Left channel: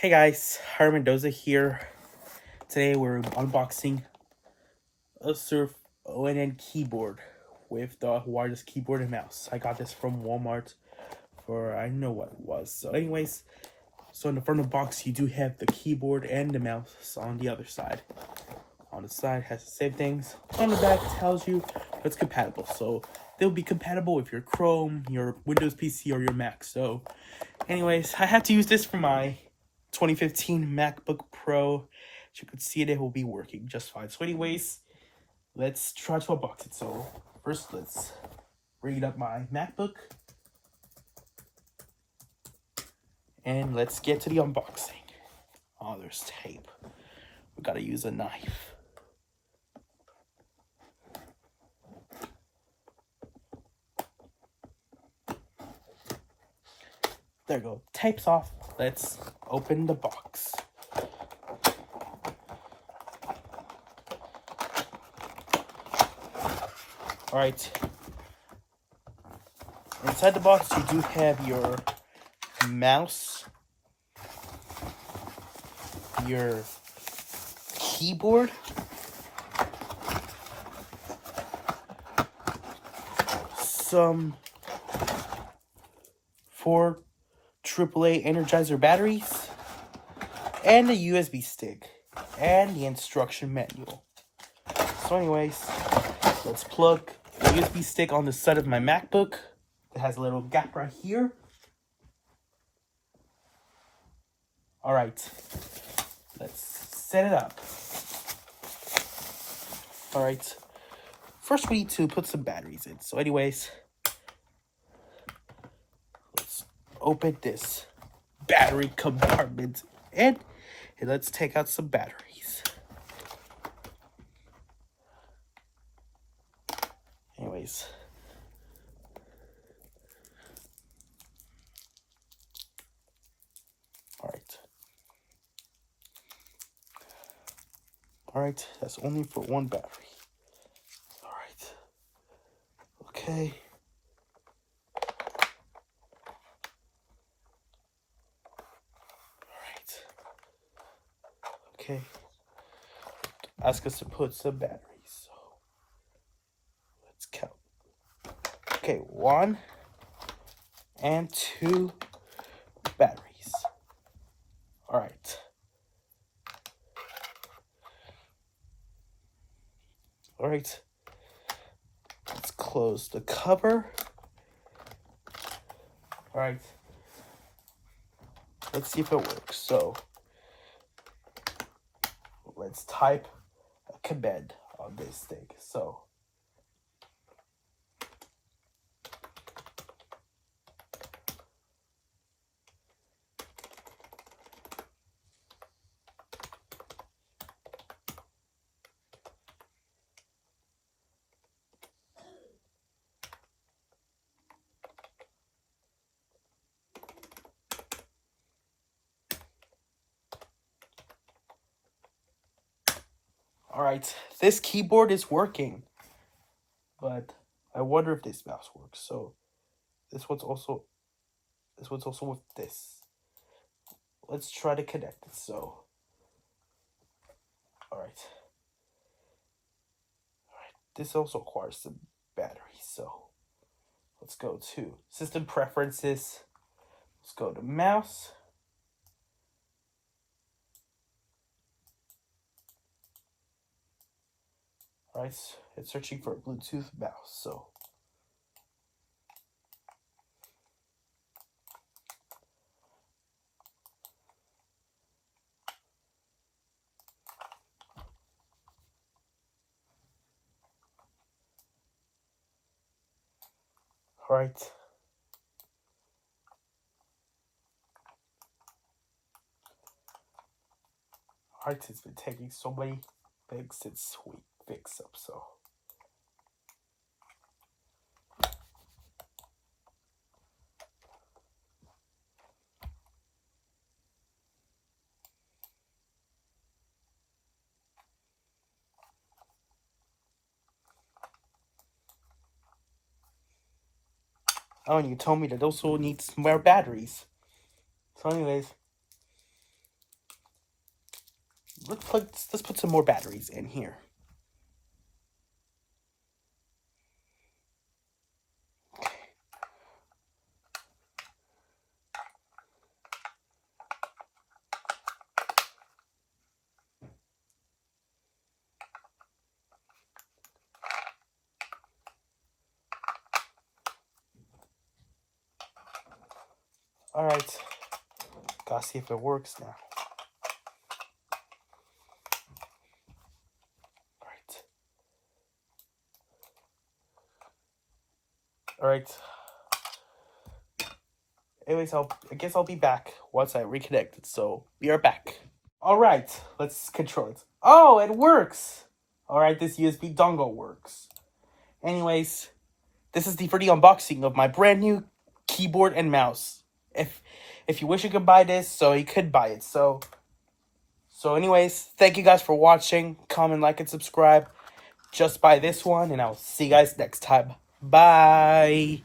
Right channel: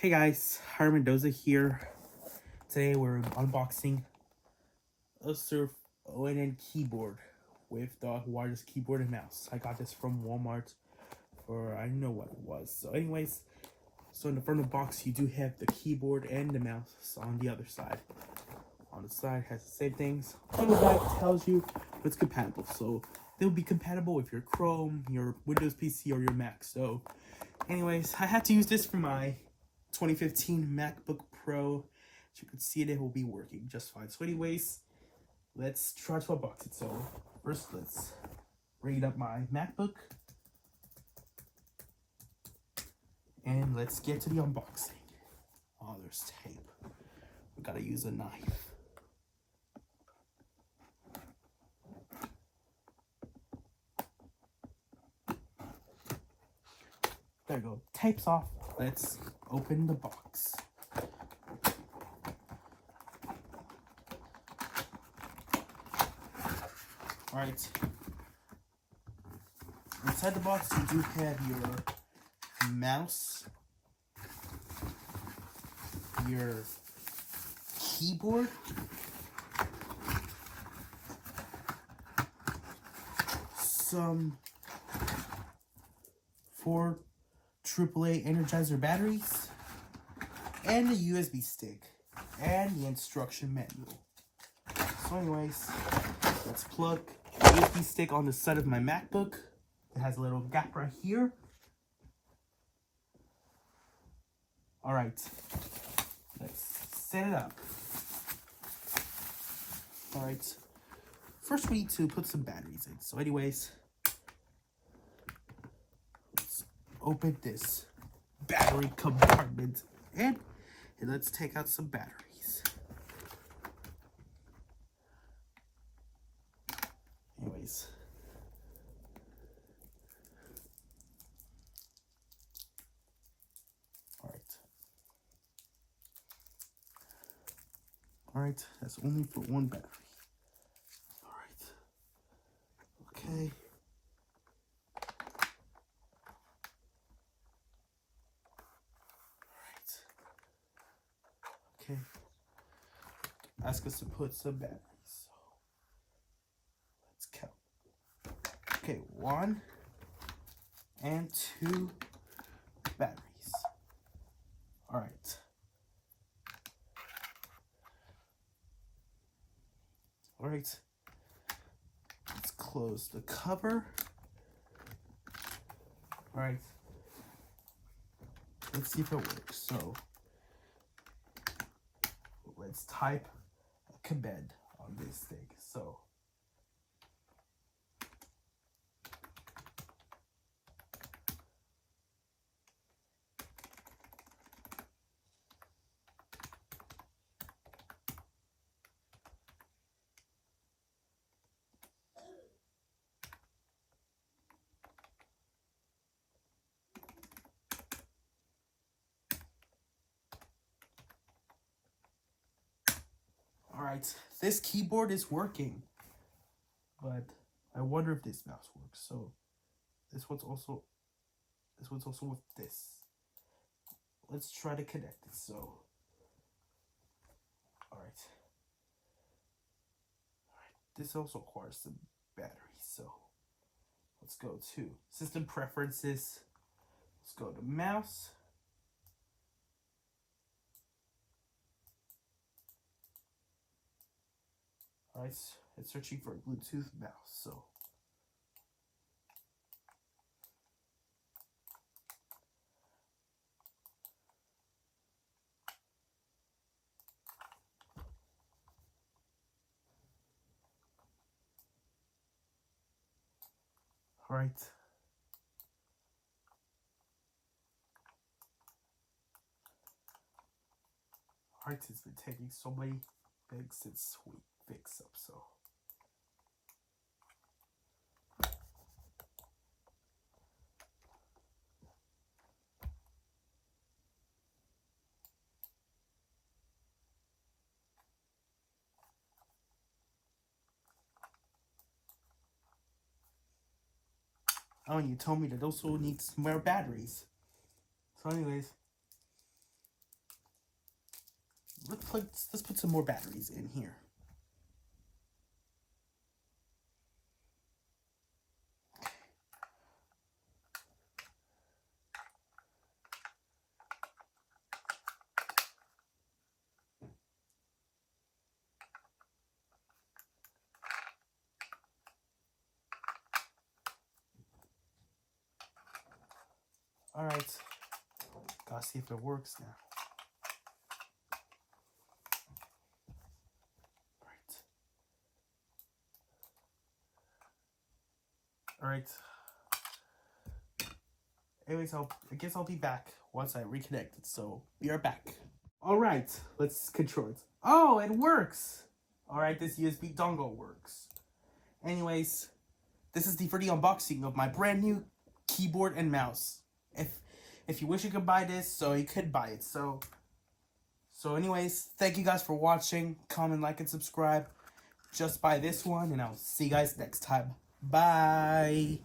Hey guys, Harry Mendoza here. Today we're unboxing a Surf ONN keyboard with the wireless keyboard and mouse. I got this from Walmart for I don't know what it was. So anyways, in the front of the box you do have the keyboard and the mouse on the other side. On the side has the same things. On the back tells you it's compatible. So they'll be compatible with your Chrome, your Windows PC, or your Mac. So anyways, I had to use this for my 2015 MacBook Pro. As you can see, it will be working just fine. So anyways, let's try to unbox it. So first, let's bring up my MacBook. And let's get to the unboxing. Oh, there's tape. We gotta use a knife. There we go. Tape's off. Let's open the box. Alright. Inside the box, you do have your mouse, your keyboard, some 4 AAA Energizer batteries, and a USB stick, and the instruction manual. So anyways, let's plug the USB stick on the side of my MacBook. It has a little gap right here. Alright, let's set it up. Alright, first we need to put some batteries in. So anyways, let's open this battery compartment and let's take out some batteries. Anyways, Alright, that's only for one battery. Alright. Okay. Alright. Okay. Ask us to put some batteries. So let's count. Okay, 1 and 2 batteries. Alright. Alright, let's close the cover. Alright, let's see if it works. So, let's type a command on this thing. So, alright, this keyboard is working, but I wonder if this mouse works. So this one's also with this. Let's try to connect it. So alright, this also requires some battery. So let's go to system preferences. Let's go to mouse. Alright, it's searching for a Bluetooth mouse, so alright. Alright, it's been taking so many things since we fixed up, so oh, and you told me that also needs more batteries. So anyways, let's put some more batteries in here. All right, gotta see if it works now. All right. Anyways, I guess I'll be back once I reconnect. So be right back. All right, let's control it. Oh, it works. All right, this USB dongle works. Anyways, this is for the unboxing of my brand new keyboard and mouse. If you wish you could buy this, so you could buy it. So anyways, thank you guys for watching. Comment, like, and subscribe. Just buy this one, and I'll see you guys next time. Bye.